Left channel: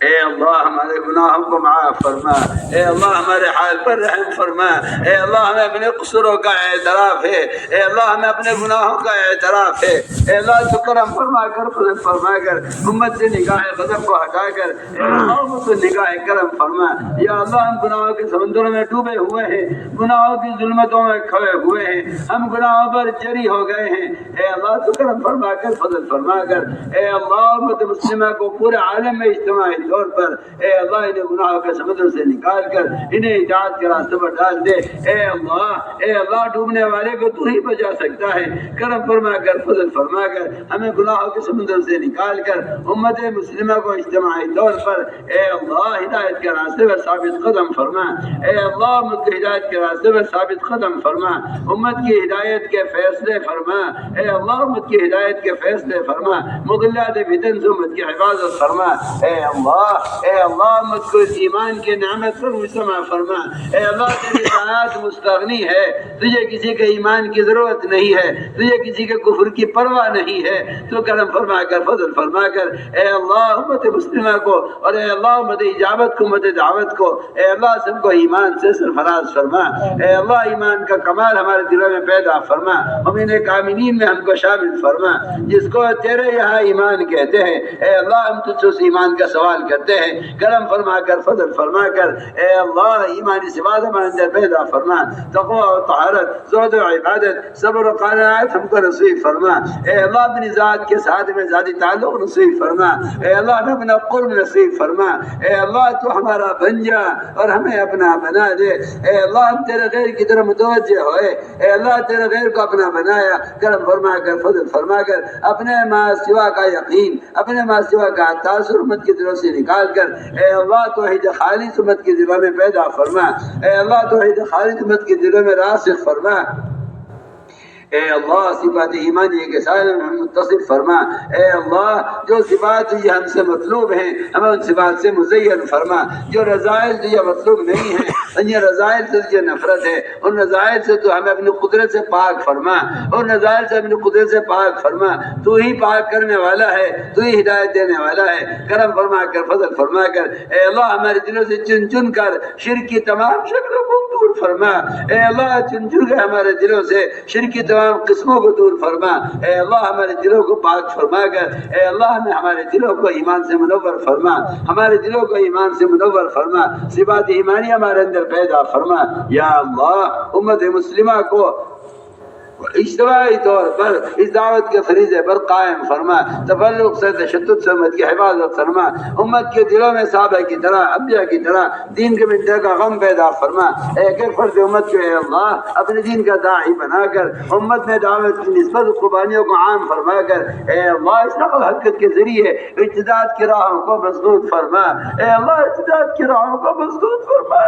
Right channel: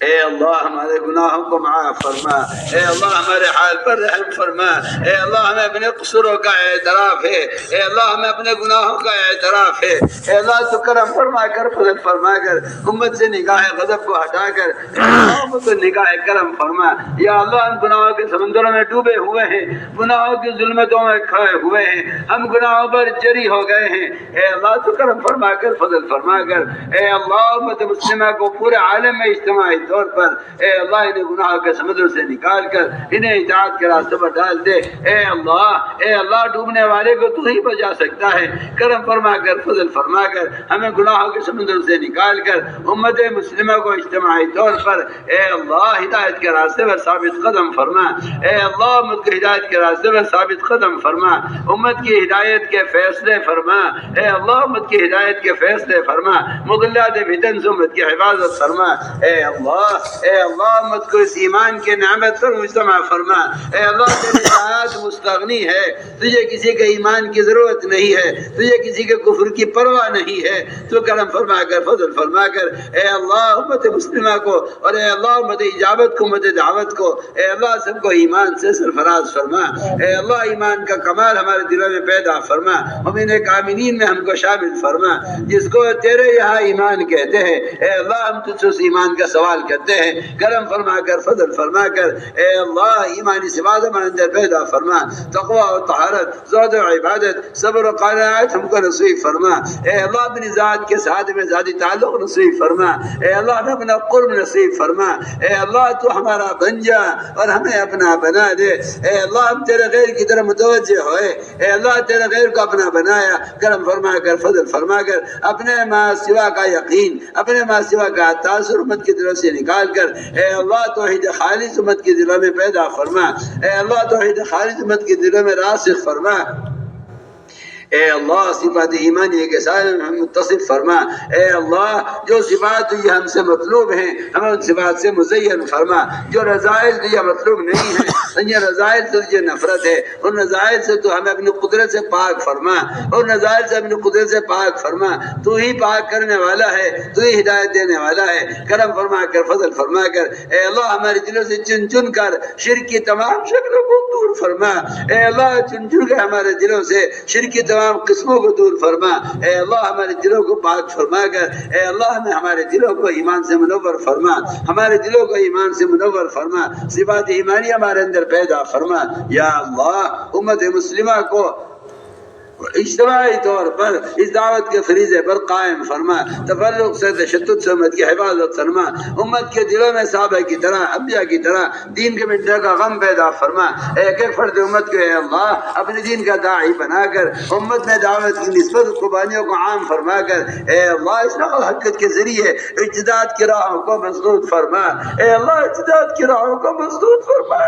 اے اللہ ہمارے گناہوں کو معاف فرما، اے اللہ ہمارے حال پر رحم فرما، اے اللہ ہمیں اپنے قصوروں کا اعتراف ہے، اے اللہ ہمیں اپنے گناہوں کا اعتراف ہے، اے اللہ تو کرم فرما کر فضل فرما کر امت سے نگاہ غضب کو ہٹا کر اے اللہ امت کو نگاہ کرم فرما۔ یا اللہ ہم گناہوں کے سمندروں میں ڈوبے ہوئے ہیں، گناہوں کی ظلمتوں میں کھوئے ہوئے ہیں، ہم گناہوں پر جری ہو گئے ہیں، اے اللہ تو کرم فرما کر فضل فرما کر اے اللہ امت مسلمہ کو پورے عالم میں اجتماعی طور پر اے اللہ انہیں گناہوں کے سمندر سے نکال کر انہیں اطاعت کے راستے پر ڈال دے۔ اے اللہ ڈوبنے والے کو تو ہی بچا سکتا ہے، کرم فرما کر فضل فرما کر ہمیں گناہوں کے سمندر سے نکال کر امت مسلمہ کو اجتماعی طور پر اے اللہ ہدایت کے راستے پر ثابت قدم فرما۔ اے اللہ امت کی ہدایت کے راستے پر ثابت قدم فرما، امت کی ہدایت کے فیصلے فرما، اے اللہ امت کی ہدایت کے فیصلے فرما، مضلات فتن سے امت کی حفاظت فرما۔ اے اللہ امت کو اس ایمان کے نعمت پر مجتمع فرما۔ اے اللہ تیری ذات مستغنی ہے، تجھے کسی کے ایمان کی ضرورت نہیں ہے، تجھے کسی کے کفر کی پرواہ نہیں ہے، تو کرم فرما کر فضل فرما کر اے اللہ امت مسلمہ کو اور اے اللہ امت اجابت کو امت دعوت کو اے اللہ سب کو ایمان سے سرفراز فرما۔ اے اللہ ایمان کا کمال ہمارے دلوں میں پیدا فرما، مومن کاملین میں ہم کو شامل فرما، جس کو تیرے یہاں ایمان کہتے ہیں۔ اے اللہ ہم تجھ سے اس ایمان کا سوال کرتے ہیں، کرم فرما کر فضل فرما کر اے اللہ ایمانی صفات ہمارے اندر پیدا فرما، تقوی و طہارت، زہد و عبادت، صبر و قناعت ہم کو نصیب فرما۔ اے اللہ اپنی ذات کے ساتھ میں ذاتی تعلق نصیب فرما، اے اللہ ہمیں اپنا قرب نصیب فرما۔ اے اللہ تو ہمارا بن جا اور ہمیں اپنا بنا دے۔ اے اللہ ہم تیرے غیر کی طرف متوجہ ہوئے، اے اللہ تیرے غیر کو اپنا بنایا، کرم فرما کر فضل فرما کر اپنے ما سوا کا یقین، اپنے ما سوا کا تاثر امت کے دلوں سے نکال کر اے اللہ توحید خالص امت کے دلوں میں پیدا فرما۔ اے اللہ توحید خالص امت کے دلوں میں راسخ فرما۔ اے اللہ صفات ایمانی کے سارے متصف فرما۔ اے اللہ جو صفات یہ ہم سے مطلوب ہیں ہمیں ان صفات سے مزین فرما، جو رضائل تجھے مطلوب نہیں ہیں ان یہ رضائل سے تجھے نفرت ہے، ان رضائل سے تو ہمیں اپنی قدرت سے پاک فرما، ان رضائل سے اپنی قدرت سے پاک فرما۔ تو ہی پاک کرنے والا ہے، تو ہی ہدایت دینے والا ہے، کرم فرما کر فضل فرما کر اے اللہ ہمارے دلوں سے چن چن کر شرک کی تمام شکلوں کو دور فرما۔ اے اللہ چن چن کے ہمارے دلوں سے شرک کی تمام قسموں کو دور فرما۔ اے اللہ ہمارے دلوں کو پاک فرما کر اے اللہ ہمارے دلوں کو ایمان سے منور فرما، ہمارے دلوں کو ایمان سے منور فرما، صفات ایمانی ہمارے اندر پیدا فرما۔ یا اللہ امت مسلمہ کو اجتماعی طور پر اس دعوت کے فریضے پر قائم فرما، تفرق سے تشدد سے امت کی حفاظت فرما، امت کے دلوں میں صحابہ کی طرح انبیاء کی طرح دین کے مٹنے کا غم پیدا فرما۔ ایک ایک فرد امت کو اے اللہ اپنے دین کا داعی بنا کر امت میں دعوت کی نسبت قربانیوں کو عام فرما کر اے اللہ اس نقل حرکت کے ذریعے اجتہاد کی راہوں کو مسدود فرما۔ اے اللہ اجتہاد کی راہوں کو مسدود فرما۔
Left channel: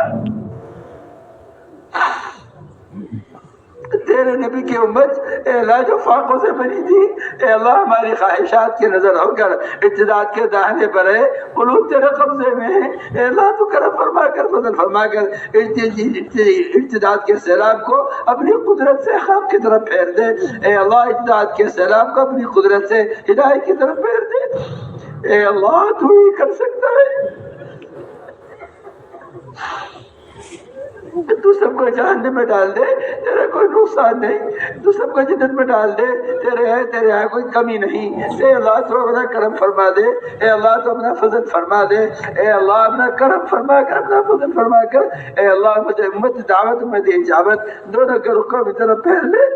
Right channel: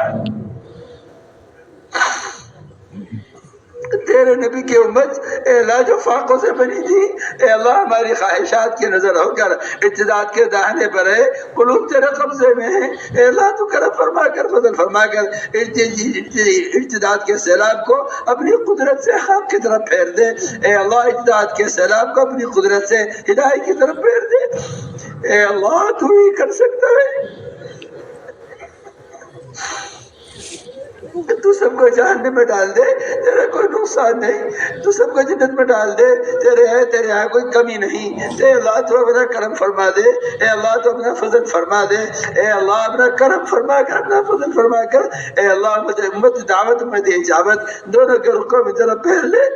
تیرے نبی کی امت اے اللہ جو فاقوں سے بنی تھی، اے اللہ ہماری خواہشات کی نظر ہو کر ارتداد کے داہنے پر ہے، قلوب تیرے قبضے میں ہے۔ اے اللہ تو کرم فرما کر فضل فرما کر ارتداد کے سیلاب کو اپنی قدرت سے حق کی طرف پھیر دے۔ اے اللہ ارتداد کے سیلاب کو اپنی قدرت سے ہدایت کی طرف پھیر دے۔ اے اللہ تو ہی کر سکتا ہے، تو سب کو جہنم میں ڈال دے، تیرا کوئی نقصان نہیں، تو سب کو جنت میں ڈال دے، تیرے یہاں کوئی کمی نہیں۔ اے اللہ تو اپنا کرم فرما دے، اے اللہ تو اپنا فضل فرما دے، اے اللہ اپنا کرم فرما کر اپنا فضل فرما کر اے اللہ امت دعوت امت اجابت دونوں کے رخوں میں طرف پھیر لے۔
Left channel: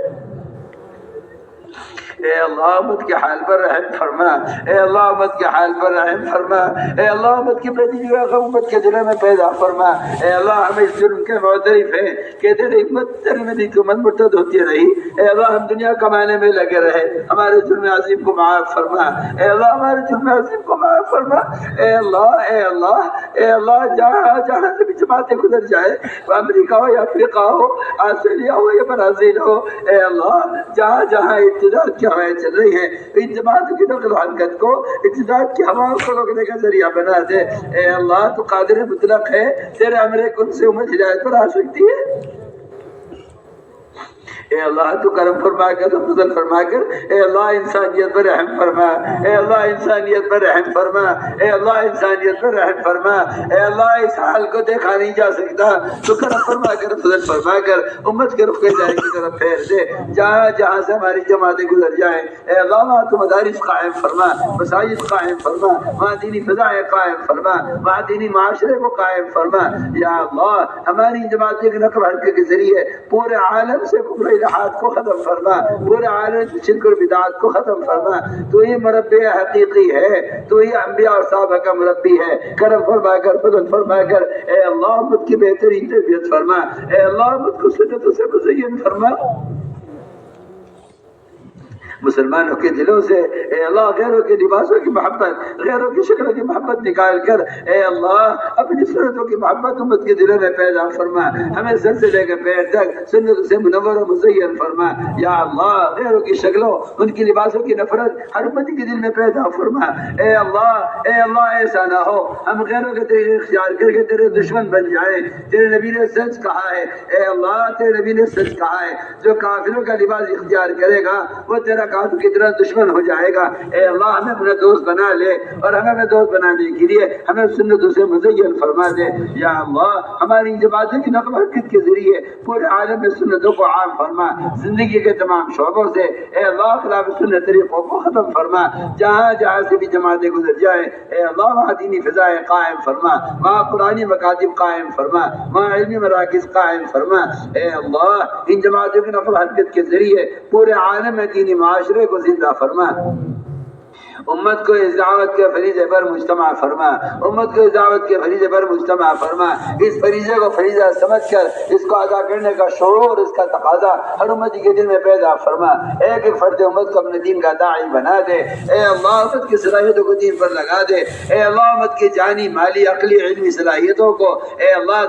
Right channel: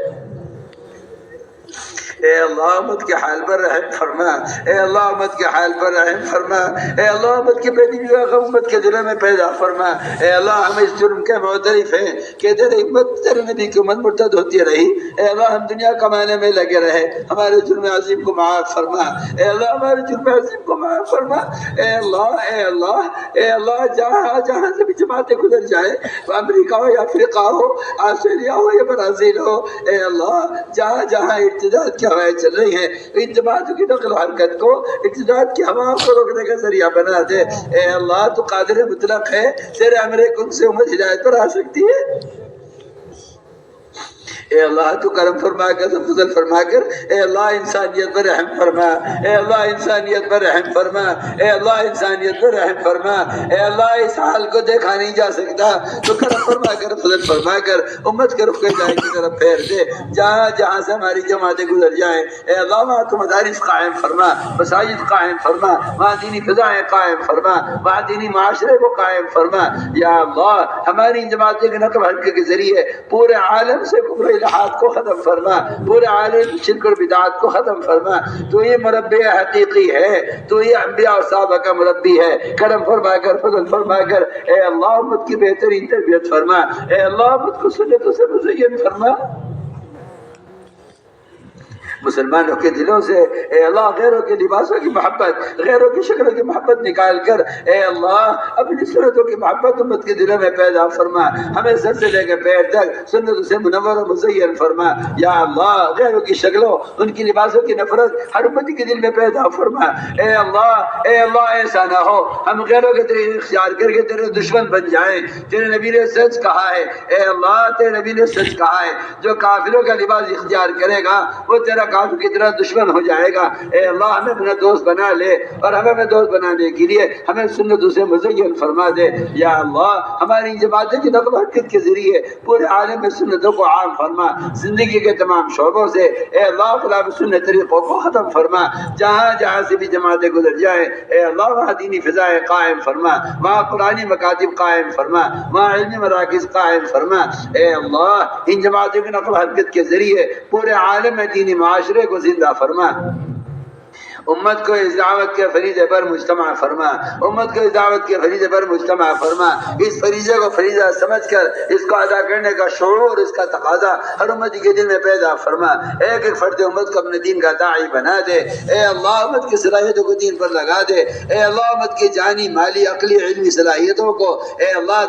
اے اللہ امت کے حال پر رحم فرما، اے اللہ امت کے حال پر رحم فرما، اے اللہ امت کی پیدی کا غم امت کے دلوں میں پیدا فرما۔ اے اللہ ہم اس جرم کے معترف ہیں کہ تیری امت تیرے نبی کی امت مرتد ہوتی رہی، اے اللہ ہم دنیا کمانے میں لگے رہے، ہمارے جرم عظیم کو معاف فرما۔ اے اللہ ہمارے جرم عظیم کو معاف فرما۔ اے اللہ اے اللہ اے اللہ جہاں سے بھی جماعتیں گزر جائے، امریکہ ہو یا افریقہ ہو، آسٹریلیا ہو یا برازیل ہو، اے اللہ جہاں جہاں ارتداد کی ہوائیں چل رہی ہیں ان جماعتوں کی نقل و حرکت کو ارتداد کی ہواؤں کو روکنے کا ذریعہ بنا دے۔ اے اللہ تو قادر مطلق ہے، تیرے امر کن سے امت ہدایت پر آ سکتی ہے۔ اے اللہ تو کرم فرما کر فضل فرما کر، اے اللہ انسانیت پر رحم فرما، اے اللہ انسانیت پر رحم فرما، اے اللہ انسانیت پر رحم فرما، اے اللہ اس حال کو دیکھا نہیں جا سکتا، تو کرم فرما کر فضل فرما کر امت کے رخ ہدایت کی طرف پھیر دے، جہاں جہاں سے ہماری جماعتیں گزر جائیں اے اللہ وہاں تو مدارس قائم فرما، مساجد قائم فرما، وہاں دینی فضائیں قائم فرما، وہاں دینی معاشرے کو قائم فرما یا اللہ۔ ہماری جماعتیں کی نقل حرکت کے ذریعے پورے عالم سے کفر الہات کو ختم فرما، پورے عالم سے شرک اور بدعات کو ختم فرما، تو یہ مربی حقیقی ہے، تو یہ انبیاء اور صحابہ کا مربی ہے، کرم فرما کر فضل فرما کر اے اللہ امت کی بہترین تربیت فرما، اے اللہ امت کو سنتوں سے مزین فرما، مسلمانوں کے دلوں سے اے اللہ غیروں کے لباسوں کی محبت، غیروں کی شکلوں کی محبت نکال کر اے اللہ اپنی سنتوں کی محبت امت کے دلوں میں پیدا فرما، ہمیں سر سے لے کے پیر تک سنتوں سے منور و مزین فرما یا اللہ۔ غیروں کی شکلوں ان کی لباسوں کی نفرت ہر امت کے دل میں پیدا فرما اے اللہ ایسا نہ ہو ہم غیروں کے طریقے اختیار کر کے تیرے دشمن بن جائیں۔ تیرے نبی نے سچ کہا ہے اے اللہ، تیرے نبی نے سچ کہا ہے جو کافروں کا لباس اختیار کرے گا وہ تیرا کافر کی طرح دشمن ہو جائے گا۔ اے اللہ ہمیں اپنا دوست بنا لے، اور ہمیں اپنا دوست بنانے کے لیے ہمیں سنتوں سے مزین فرما دے یا اللہ۔ ہماری جماعتوں کی نقل و حرکت کے ذریعے پورے عالم میں سنتوں کو عام فرما، زندگی کے تمام شعبوں سے اے اللہ خلاف سنت طریقوں کو ختم فرما، جہاں جہاں سے بھی جماعتیں گزر جائیں اے اللہ وہاں دینی فضائیں قائم فرما، وہاں قرآنی مکاتب قائم فرما، وہاں علمی مراکز قائم فرما اے اللہ۔ ان جماعتوں کی نقل و حرکت کے ذریعے پورے عالم میں دینی معاشرے کو زندہ فرما، امت کو اس دعوت کے فریضے پر مجتمع فرما، امت کو اس دعوت کے فریضے پر مجتمع فرما، اس فریضے کو فریضہ سمجھ کر اس کو ادا کرنے کا شعور، اس کا تقاضا ہر امتی کے دل میں پیدا فرما، ایک ایک فرد امت کو اپنے دین کا داعی بنا دے اے اللہ۔ امت کی صلاحیتوں کو دین پر لگا دے اے اللہ، امت کی جانی مالی عقلی علمی صلاحیتوں کو اے اللہ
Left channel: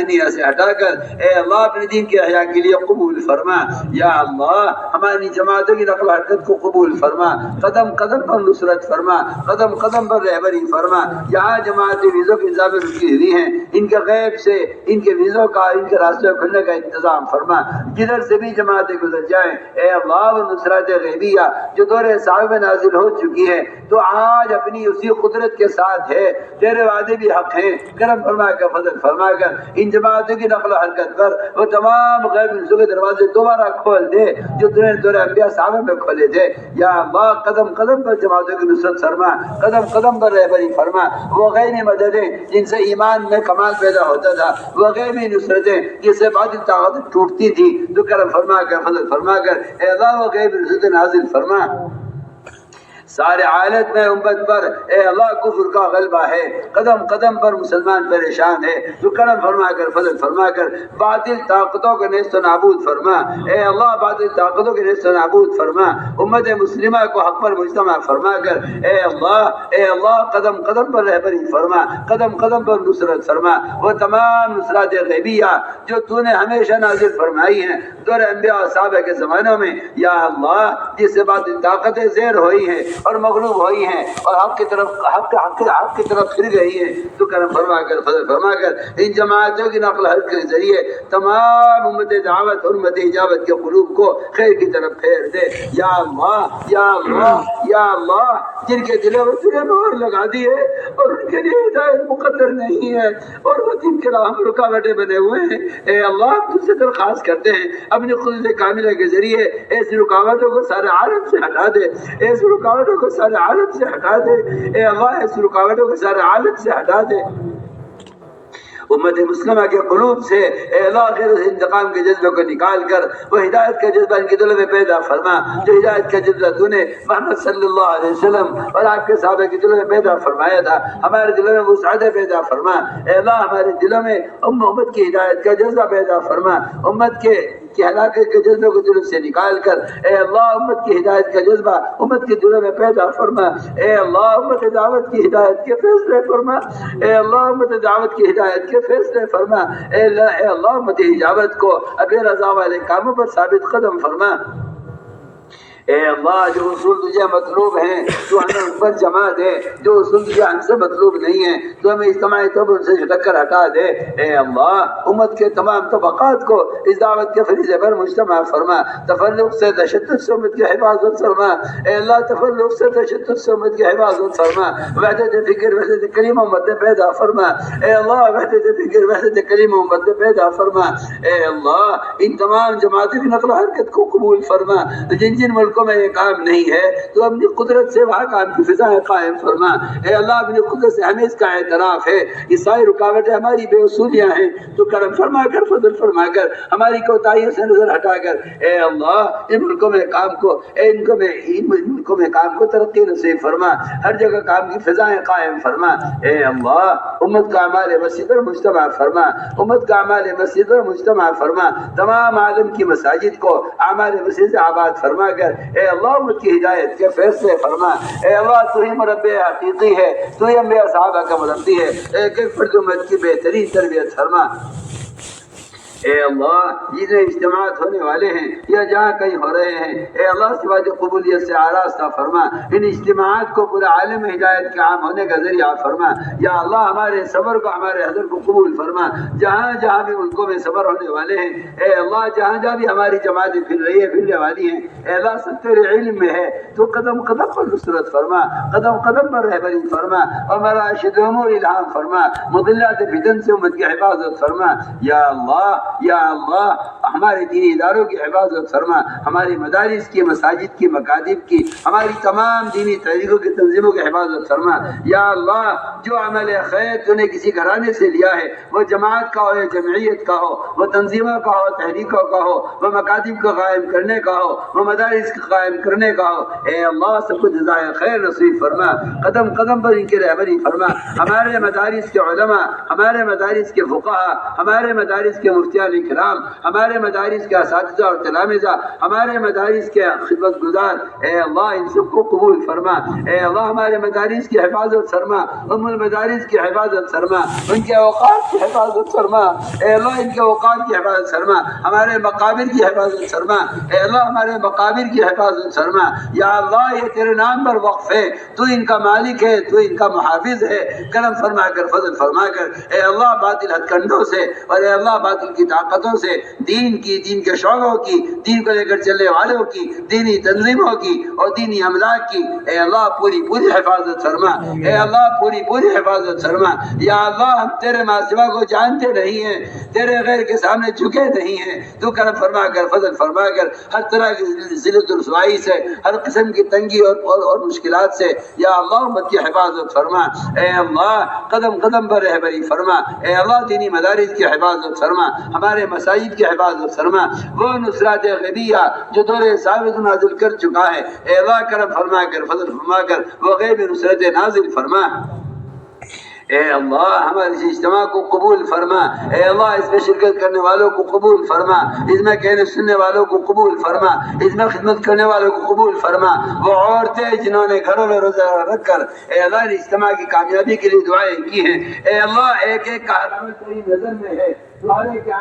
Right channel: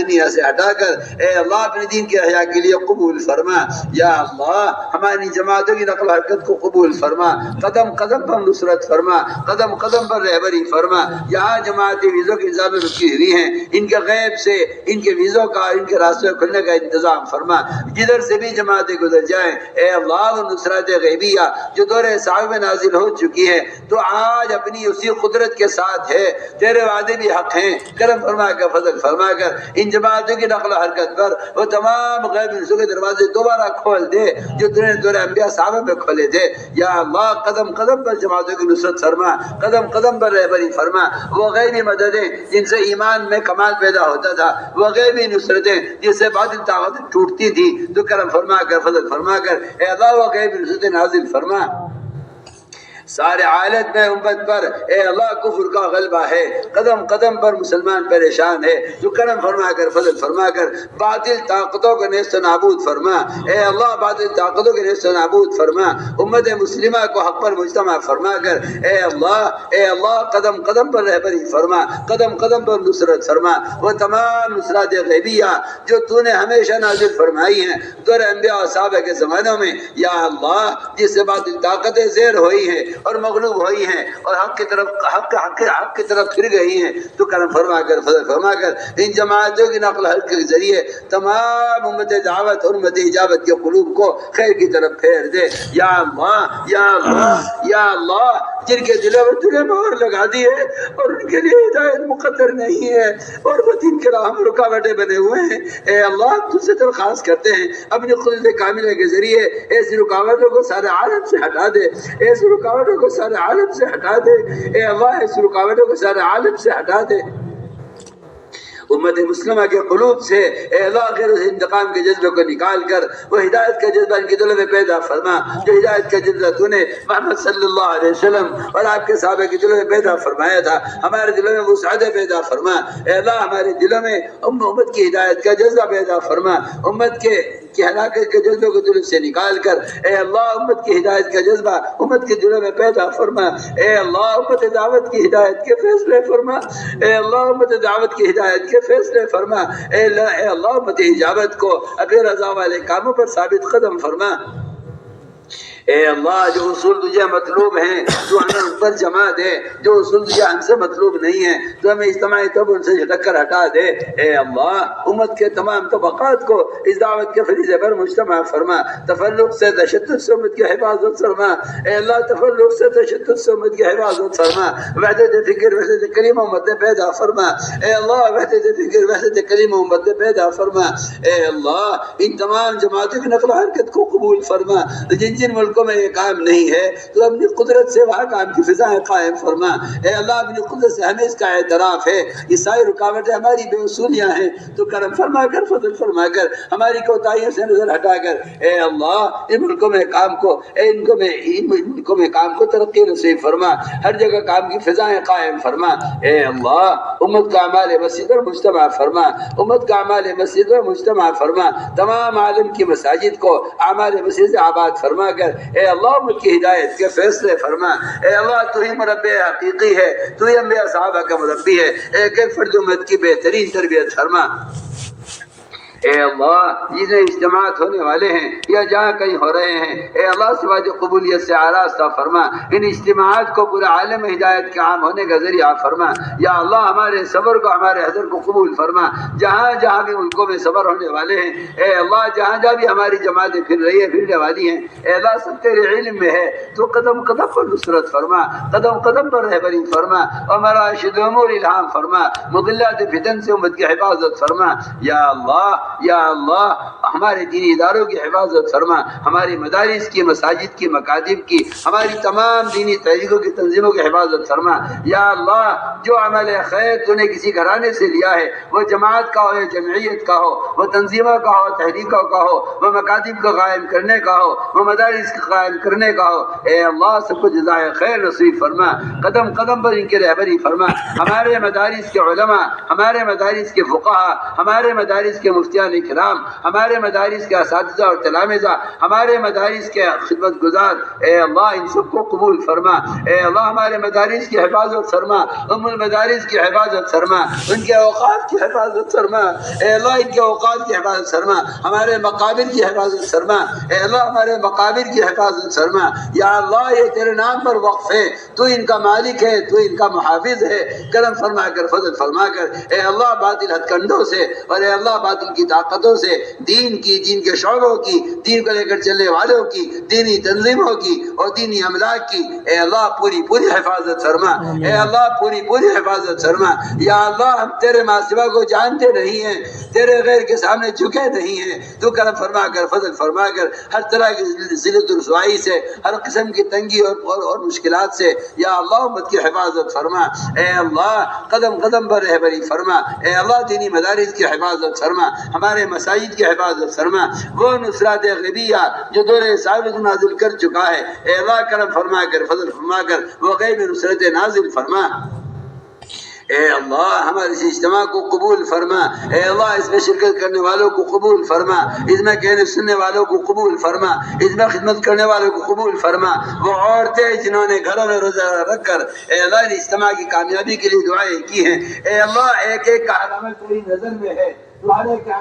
دنیا سے ہٹا کر اے اللہ اپنے دین کے احیاء کے لیے قبول فرما یا اللہ۔ ہماری جماعتوں کی نقل و حرکت کو قبول فرما، قدم قدم پر نصرت فرما، قدم قدم پر رہبری فرما، یہاں جماعتی ویزوں کی انتظام رکی ہوئی ہیں ان کے غیب سے ان کے ویزوں کا، ان کے راستے کھلنے کا انتظام فرما، جدھر سے بھی جماعتیں گزر جائیں اے اللہ وہ نصرت غیبیہ جو دور صحابہ میں نازل ہو چکی ہے تو آج اپنی اسی قدرت کے ساتھ ہے، تیرے وعدے بھی حق ہیں، کرم فرما کر فضل فرما کر ان جماعتوں کی نقل و حرکت پر وہ تمام غیب رزق کے دروازے دوبارہ کھول دے جو دور انبیاء صحابہ میں کھولے تھے یا اللہ۔ قدم قدم پر جماعتوں کی نصرت فرما، قدم قدم پر رہبری فرما، وہ غیبی مددیں جن سے ایمان میں کمال پیدا ہوتا تھا، وہ غیبی نصرتیں جن سے باطل طاقت ٹوٹتی تھی، تو کرم فرما کر فضل فرما کر اے اللہ وہ غیبی نصرتیں نازل فرما۔ سارے حالت میں امت پر اے اللہ کفر کا غلبہ ہے، قدم قدم پر مسلمان پریشان ہے، تو کرم فرما کر فضل فرما کر باطل طاقتوں کو نیست و نابود فرما اے اللہ، باطل طاقتوں کو نیست و نابود فرما، امت مسلمہ کو حق پر مجتمع فرما کر اے اللہ قدم قدم پر رہبری فرما، قدم قدم پر نصرت فرما، وہ تمام نصرات غیبیہ جو تو نے ہمیشہ نازل فرمائی ہیں دور انبیاء اور صحابہ کے زمانوں میں یا اللہ، جس سے باطل طاقتیں زیر ہوئی ہیں اور مغلوب ہوئی ہیں اور حق کی طرف پھر گئی ہیں، تو کرم فرما کر فضل فرما کر ان جماعتوں کی نقل حرکت کے ذریعے تمام امت دعوت اور امت اجابت کے قلوب کو خیر کی طرف پھیر دے یا اللہ یا اللہ یا اللہ۔ جن کے دلوں میں تُونے مہر لگا دی ہے اور ان کے لیے ہدایت مقدر نہیں ہے اور وہ دین کے راہ میں رکاوٹیں بنے ہوئے ہیں اے اللہ، ہم تجھ سے درخواست کرتے ہیں اپنی قدرت کاملہ کے ذریعے ایسی رکاوٹوں کو سارے عالم سے ہٹا دے، ایسی رکاوٹوں کو سارے عالم سے ہٹا دے اے اللہ، ایسی رکاوٹوں کو سارے عالم سے ہٹا دے۔ امت مسلمہ کے قلوب سے اے اللہ غیر سے انتقام کے جذبے کو نکال کر وہ ہدایت کا جذبہ ان کے دلوں میں پیدا فرما، جو ہدایت کا جذبہ تو نے محمد صلی اللہ علیہ وسلم اور آپ کے صحابہ کے دلوں میں پیدا فرمایا تھا، ہمارے دلوں میں وسعت پیدا فرما اے اللہ، ہمارے دلوں میں امت کی ہدایت کا جذبہ پیدا فرما، امت کے ہلاکت کے جذبے کو دلوں سے نکال کر اے اللہ امت کی ہدایت کا جذبہ امت کے دلوں میں پیدا فرما اے اللہ، امت دعوت کی ہدایت کے فیصلے فرما اے اللہ، امت دعوت کی ہدایت کے فیصلے فرما اے اللہ، امت اجابت کو اپنے رضا والے کاموں پر ثابت قدم فرما اے اللہ جو اصول تجھے مطلوب ہیں تو ہمیں ان پر جمع دے، جو اصول تجھے ہم سے مطلوب نہیں ہیں تو ہمیں اجتماعی طور پر ان سے جھٹک کر ہٹا دے۔ اے اللہ امت کے تمام طبقات کو اس دعوت کے فریضے پر مجتمع فرما، تفرق سے تشدد سے امت کی حفاظت فرما۔ اے اللہ تفرق سے تشدد سے امت کی حفاظت فرما، وحدت فکر وحدت کلمہ امت پیدا فرما۔ اے اللہ وحدت فکر وحدت کلمہ امت پیدا فرما۔ اے اللہ ان تمام جماعتوں کی نقل و حرکت کو قبول فرما، جن جن ملکوں میں یہ کام نہیں ہے تو اپنی قدرت سے وہاں کام کی فضائیں قائم فرما۔ اے اللہ اپنی قدرت سے ہمیں اس کا اعتراف ہے، یہ ساری رکاوٹیں ہماری بے اصولیاں ہیں، تو کرم فرما کر فضل فرما کر ہماری کوتاہیوں سے نظر ہٹا کر اے اللہ ان ملکوں میں کام کو ملکوں میں کام کو ترقی نصیب فرما، ہر جگہ کام کی فضائیں قائم فرما۔ اے اللہ امت کا اعمال مسجد اور مجتمع فرما، امت کا اعمال مسجد اور مجتمع فرما، تمام عالم کی مساجد کو اعمال مسجد سے آباد فرما کر اے اللہ امت کی ہدایت کے فیصلے فرما۔ اے اللہ تو ہی مربی حقیقی ہے، تو ہی انبیاء صحابہ کا مربی ہے، ایک ایک فرد امت کی بہترین تربیت فرما۔ اے اللہ جتنے اجتماعات ہونے والے ہیں یا جہاں کہیں ہو رہے ہیں اے اللہ سواج قبولیت سے آراستہ فرما، ان اجتماعات کو پورے عالم ہدایت کے عام ہونے کا ذریعہ فرما۔ یا اللہ ہمارے صبر کو ہمارے حضر کو قبول فرما، جہاں جہاں بھی ملکوں میں صبر ہونے والے ہیں اے اللہ جہاں جہاں بھی ہماری جماعتیں پھرنے والی ہیں اے اللہ سب تیرے علم میں ہے، تو قدم قدم پر نصرت فرما، قدم قدم پر رہبری فرما، اور مراشد امور الہام فرما، مضلات فتن سے امت کی حفاظت فرما۔ یا اللہ ہمارے دینی اداروں کی حفاظت فرما، ہماری مدارس کی، مساجد کی، مکاتب کی، ہماری تمام دینی تحریکوں کی تنظیموں کی حفاظت فرما۔ یا اللہ جو عمل خیر تو نے کسی گھرانے سے لیا ہے، وہ جماعت کا ہو یا جمعیت کا ہو، وہ تنظیموں کا ہو، تحریکوں کا ہو، وہ مکاتب کو قائم کرنے کا ہو، وہ مدارس کو قائم کرنے کا ہو، اے اللہ سب کو جزائے خیر نصیب فرما، قدم قدم پر ان کی رہبری فرما۔ ہمارے مدارس کے علماء، ہمارے مدارس کے فقہاء، ہمارے مدارس کے مفتیان کرام، ہمارے مدارس کے اساتذہ اور تلامذہ، ہمارے مدارس کے خدمت گزار اے اللہ ان سب کو قبول فرما۔ اے اللہ ہمارے مدارس کی حفاظت فرما، ام المدارس کی حفاظت فرما، ان کے اوقات کی حفاظت فرما، اے اللہ ان کے اوقات کی حفاظت فرما، ہمارے مقابر کی حفاظت فرما، اے اللہ ہمارے مقابر کی حفاظت فرما۔ یا اللہ یہ تیرے نام پر وقف ہے، تو ان کا مالک ہے، تو ان کا محافظ ہے، کرم فرما کر فضل فرما کر اے اللہ باطل ہتھ کنڈوں سے اور اے اللہ باطل کی طاقتوں سے دین کی، دین کے شعبوں کی، دین کو لے کر چلنے والوں کی، دینی تنظیموں کی اور دینی املاک کی اے اللہ پوری حفاظت فرما، اے اللہ پوری حفاظت فرما۔ یا اللہ ہم تیرے ماں سوا کو جانتے نہیں ہیں، تیرے غیر کے سامنے جھکے نہیں ہیں، تو کرم فرما کر فضل فرما کر ہر طرح کی ذلت و رسوائی سے، ہر قسم کی تنگی اور مشکلات سے یا اللہ امت کی حفاظت فرما۔ اے اللہ قدم قدم پر رہبری فرما، اے اللہ دینی مدارس کی حفاظت فرما، ہمارے مساجد کی حفاظت فرما، وہ نصرات غیبیہ جو دور ثابت نازل کر چکا ہے اے اللہ کرم فرما کر فضل فرما کر وہ غیب نصرت نازل فرما۔ اے اللہ ہمارے اس اجتماع کو قبول فرما، اے اللہ اس میں شرکت کرنے والوں کو قبول فرما، اس میں کہنے سننے والوں کو قبول فرما، اس میں خدمت کرنے والوں کو قبول فرما، وہ عورتیں جنہوں نے گھروں میں روزہ رکھ کر اے اللہ اس اجتماع کی کامیابی کے لیے دعائیں کی ہیں اے اللہ ایک ایک کا عمل تیری نظر میں ہے، تمہارے کیا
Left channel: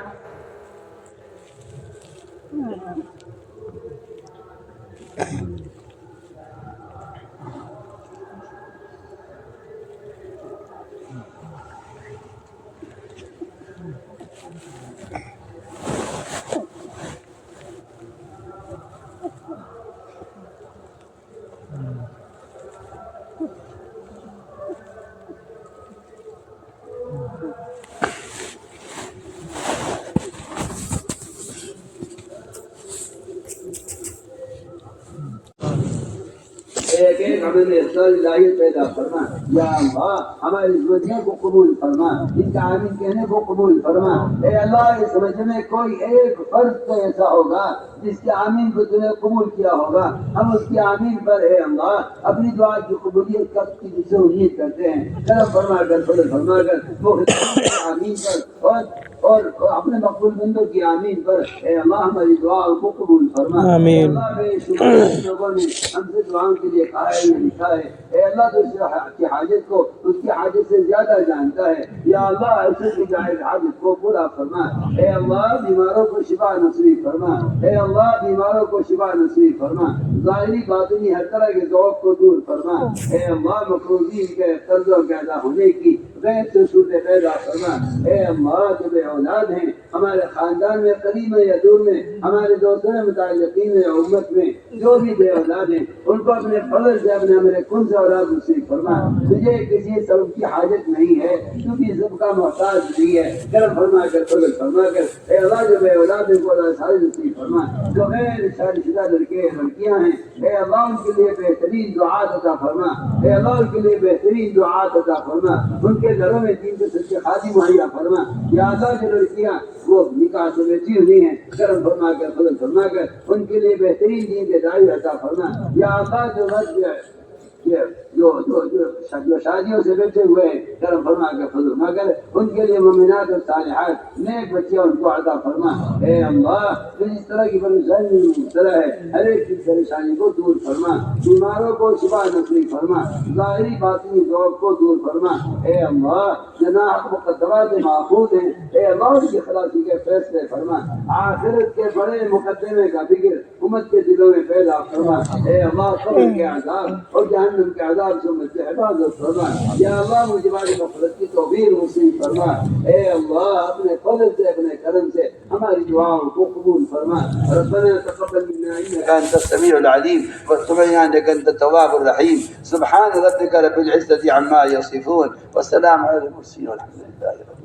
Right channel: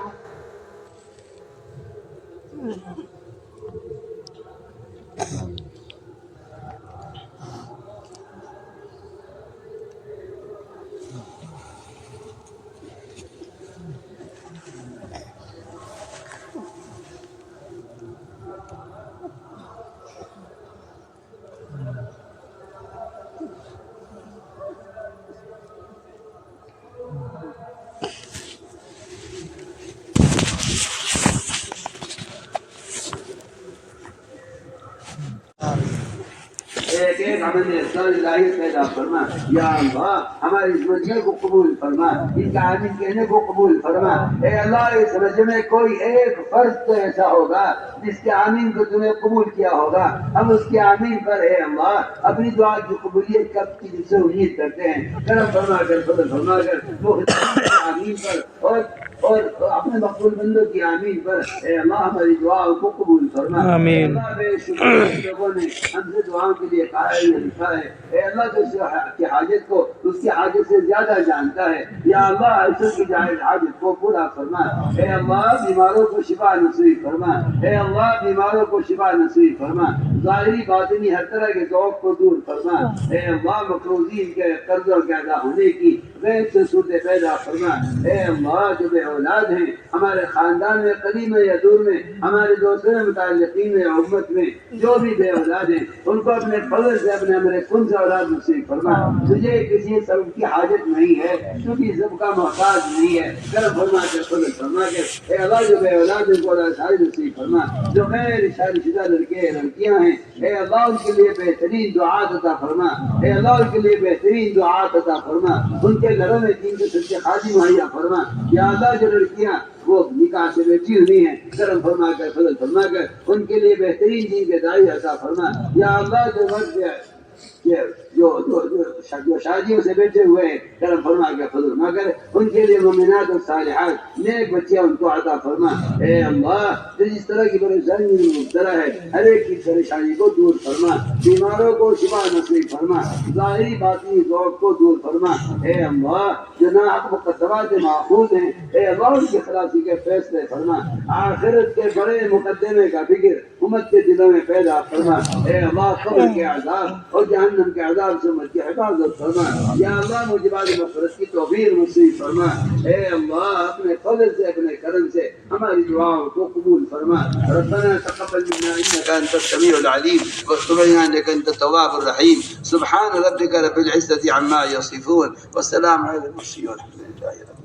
پیدا فرما۔ یا اللہ ہماری اس مجمع کو قبول فرما، ان کا آمین کہنے کو قبول فرما۔ اے اللہ اس مجمع میں کوئی ایک فرد تو ایسا ہوگا جس کے آمین کو تمہیں قبول کیا ہوگا، ہم اس کے آمین پر اے اللہ اپنی دعا کی قبولیت کب کی جس سے امید کرتے ہیں، کرم فرما کر فضل فرما کر وہ آمین پر اور اور اپنے مقبول بندوں کی آمین پر اے اللہ ہماری دعا کو قبول فرما۔ آمین۔ اللہ بے شمار لوگوں نے ہم سے دعاؤں کے لیے کہا ہے یا لکھا ہے، اے اللہ تو اس کی حاجت کو اس کی حاجت سے زیادہ جانتا ہے، یا اللہ ایسے کی جائز حاجت کو پورا فرما۔ اے اللہ بیماروں کو شفا نصیب فرما، اے اللہ بیماروں کو شفا نصیب فرما، ظاہری باطنی ہر طرح کے ذوق کو دور فرما۔ اے اللہ مقروضین کے قرضوں کے ادا ہونے کی غیر سے صورت پیدا فرما۔ اے اللہ جو بے اولاد ہیں ہمارے خاندان میں قریب میں یا دور میں، ہمارے دوستوں میں متعلقین میں امت میں جو بھی بے اولاد ہیں ان کو اپنے فضل سے اپنے ہمارے کن سے اولاد نصیب فرما۔ تجھے کسی سبب کی حاجت نہیں ہے، تو بھی سب کا محتاج نہیں ہے، کرم فرما کر فضل فرما کر۔ اے اللہ جو بے اولاد ہیں کو اولاد ساری نصیب فرما، جو غیر شادی شدہ لڑکے لڑکیاں ہیں اے اللہ ان کے لیے بہترین دعات عطا فرما، اے اللہ ان کے لیے بہترین دعات عطا فرما، ان کے گھروں میں دین کے سچے خادم مہیا فرما۔ یا اللہ جو لڑکیاں وہ نکاح سے بیٹھی ہوئی ہیں کرم فرما کر فضل فرما کر ان کے لیے بہترین دین کے داعی عطا فرما۔ یا اللہ جو مرد جو شادیوں سے بیٹھے ہوئے ہیں کرم فرما کے فضل فرما کر ان کے لیے مومنات اور صالحات نیک بچیاں ان کو عطا فرما۔ اے اللہ جو جس طرح کی پریشانی میں مبتلا ہے ہر ایک کی پریشانی کو دور فرما، بیماروں کو شفا نصیب فرما، ظاہری باطنی ذوق کو دور فرما۔ اے اللہ جو ناحق مقدمات محفوظ ہیں اے اللہ ان کی خلاصی کے فیصلے فرما، آخرت کے بڑے مقدمے کا فکر امت کے دلوں میں پیدا فرما۔ اے اللہ قبر کے عذاب اور جہنم کے عذاب سے امت کی حفاظت فرما۔ یا اللہ مجھے مغفرت کی توفیق نصیب فرما۔ اے اللہ اپنے فضل سے اپنے کرم سے ہماری دعاؤں کو قبول فرما۔ ربنا تقبل منا انك انت السميع العليم وتب علينا انك انت التواب الرحيم۔ سبحان ربك رب العزة عما يصفون والسلام على المرسلين والحمد لله رب العالمين۔